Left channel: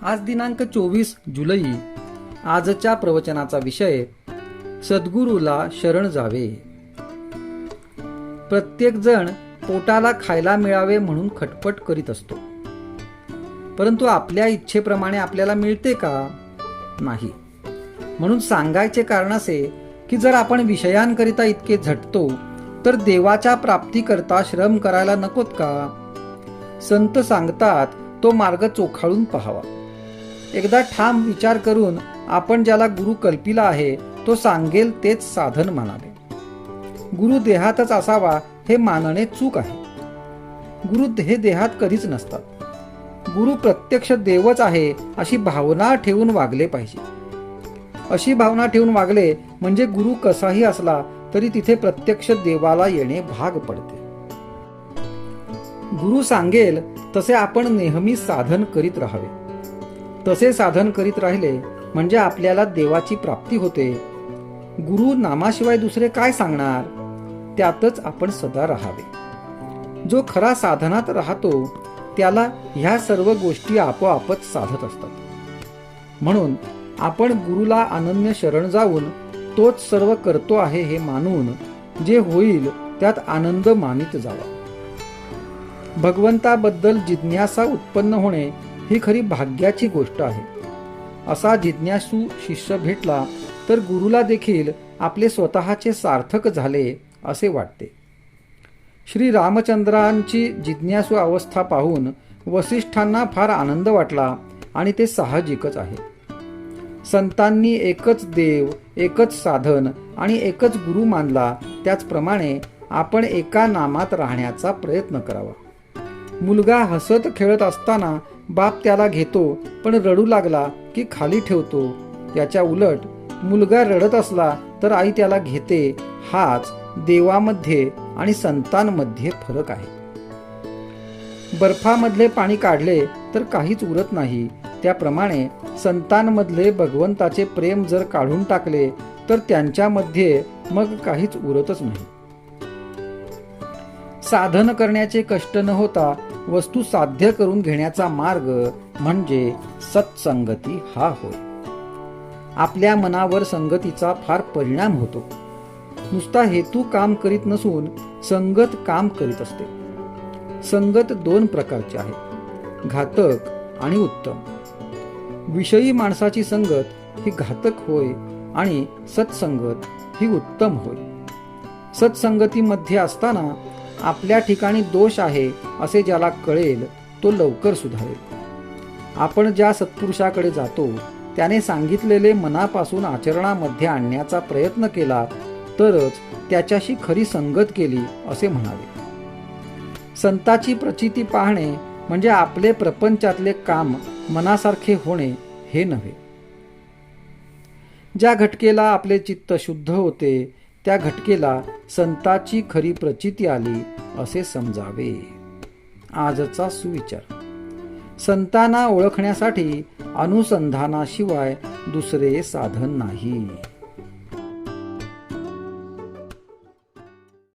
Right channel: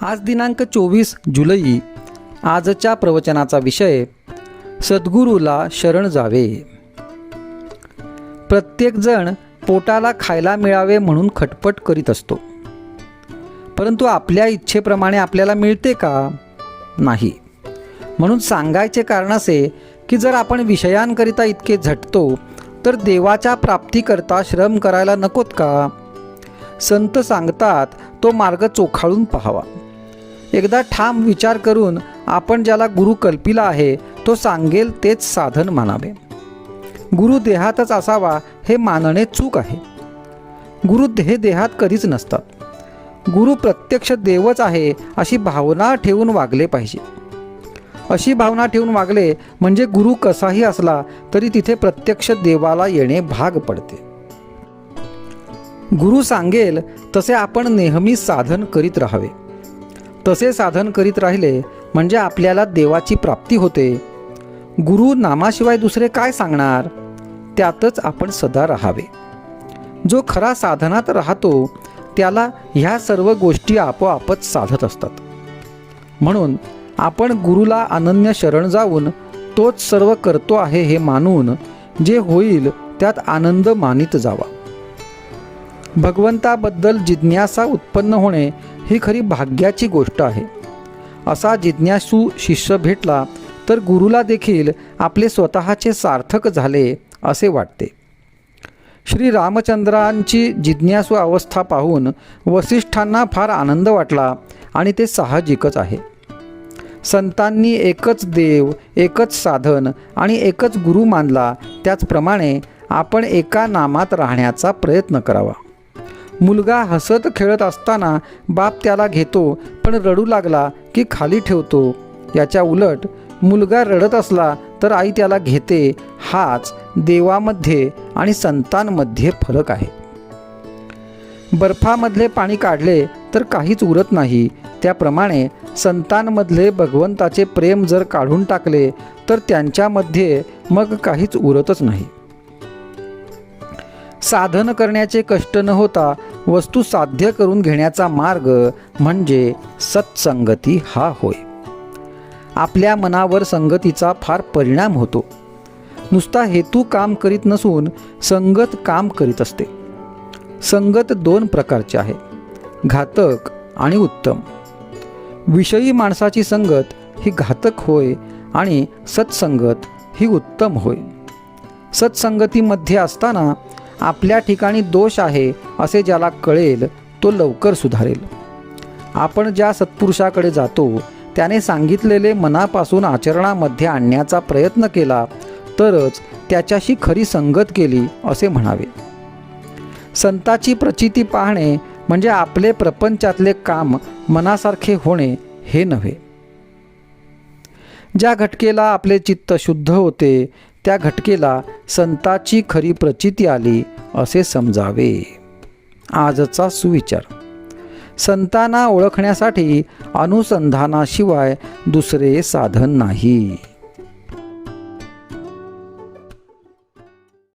आज दिनांक 24 जुलै. आजच्या प्रवचनाचा विषय सद्गुरूला शरण जावे. प्रत्येक जण पोटाला खायला मिळावे म्हणून खटपट करीत असतो, परंतु आपल्या इच्छेप्रमाणे आपल्याला मिळते का? नाही. म्हणून सांगायचे कारण असे की जर आपण विषयांकरिता इतके झटतो तर देवाच्या प्राप्तीकरता श्रम करायला नकोत का? संत सांगतात तो मार्ग चोखाळून पहावा. एकदा ठाम विचार करून आपण ज्याला गुरु कल्पिला आहे तो सांगेल तेच साधन मानावे. गुरु देहातच असावा हे मानणे चूक आहे. गुरु हे देहात कधीच नसतात. गुरु प्रत्यक्ष देवच आहे अशी भावना ठेवून वागले पाहिजे. अशी भावना ठेवून वागले म्हणजे गुरु कसाही असला तरी तिथे प्रत्यक्ष देवाला येणे भाग पडते. गुरु सांगेल तसे आपण नेहमी साधन करीत राहावे. तसे साधन करीत राहिले म्हणजे आपल्याला देवाची प्राप्ती होते. गुरु नामाशिवाय दुसरे काय सांगणार? त्यातच आपण सदा राहावे. जो खरा साधनात राहतो त्याला ह्या सर्व गोष्टी आपोआपच साधत असतात. म्हणून आपण गुरुला अनन्य शरण जाऊन तोच सर्व करतो आहे हे मानून जे होईल त्यात आनंद मानित जावा. भगवंताबद्दल जिज्ञासा उत्पन्न होणे ही खरी भाग्याची गोष्ट आहे. असा जिज्ञासू शिष्य भेटला तर गुरुला देखील आपले स्वतःचे सार्थक झाले असे वाटते. श्री रामचंद्रांची जिज्ञासू अवस्था पाहून वसिष्ठांना फार आनंद वाटला आणि ते साहजिकच आहे. संतांनी एकच देव, एकच साधन आणि एकच गुरु मानला, त्याचप्रमाणे आपण एका नामात राहण्याचा प्रयत्न करावा. मुलगा हसत खेळत असताना बाप त्याला घेतो पण रडू लागला की खाली ठेवतो. याच्या उलट मुलगा रडत असला तर आई त्याला घेते. हाच देवामध्ये आणि संतांमध्ये फरक आहे. बर्फामधले पाणी काढले तर काहीच उरत नाही, त्याप्रमाणे संतांमधले भगवंताचे प्रेम जर काढून टाकले तर त्यांच्यामध्ये मग काहीच उरतच नाही. साधन करण्याचे कष्ट न होता वस्तू साध्य करून घेण्याचा मार्ग म्हणजे सत्संगती हा होय. आपल्या मनावर संगतीचा फार परिणाम होतो. नुसता हेतू काम करीत नसून संगत काम करीत असते. संगत दोन प्रकारची आहे, घातक आणि उत्तम. विषयी माणसाची संगत ही घातक होय आणि सत्संगत ही उत्तम होय. सत्संगतीमध्ये असताना आपल्या ठिकाणी दोष आहे असे ज्याला कळेल तो लवकर सुधारेल. आपण ज्या सत्पुरुषाकडे जातो त्याने सांगितलेले मनापासून आचरणामध्ये आणण्याचा प्रयत्न केला तरच त्याच्याशी खरी संगत केली असे म्हणावे. संताची प्रचिती पाहणे म्हणजे आपले प्रपंचातले काम मनासारखे होणे हे नव्हे. ज्या घटकेला आपले चित्त शुद्ध होते त्या घटकेला संताची खरी प्रचिती आली असे समजावे. आजचा सुविचार. संतांना ओळखण्यासाठी अनुसंधानाशिवाय दुसरे साधन नाही.